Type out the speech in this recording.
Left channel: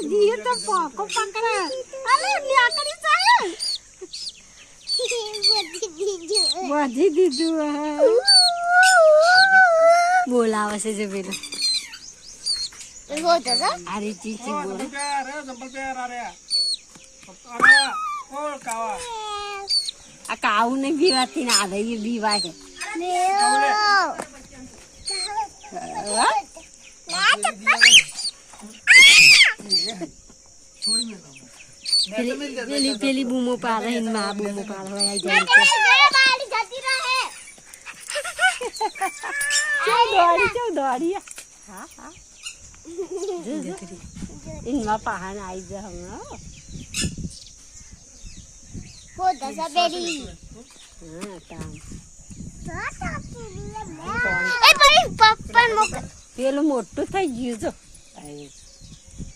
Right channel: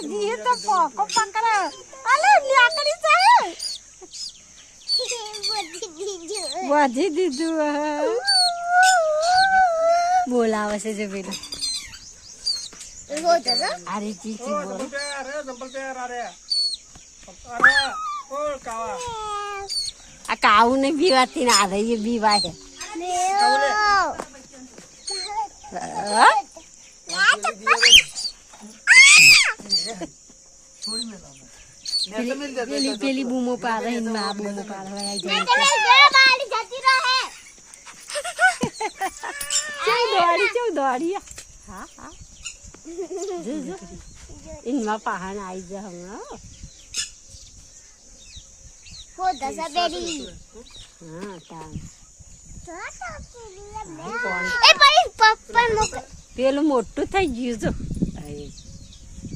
જીએ તો પોકો પકડે અલે ન્યાકડી જાય વધી દીધું બોલાવે છે જે પેલો અરે ચીચી બોલ આ કાવું ને બીવાતી ના આવે એ બીવા છે પેલી બૂમો પાડે ને માં બૂમો પાડે આવી જાય દોડી ઇનમાં પહાણ આવી જાય પેલું મોટું થઈ ગયું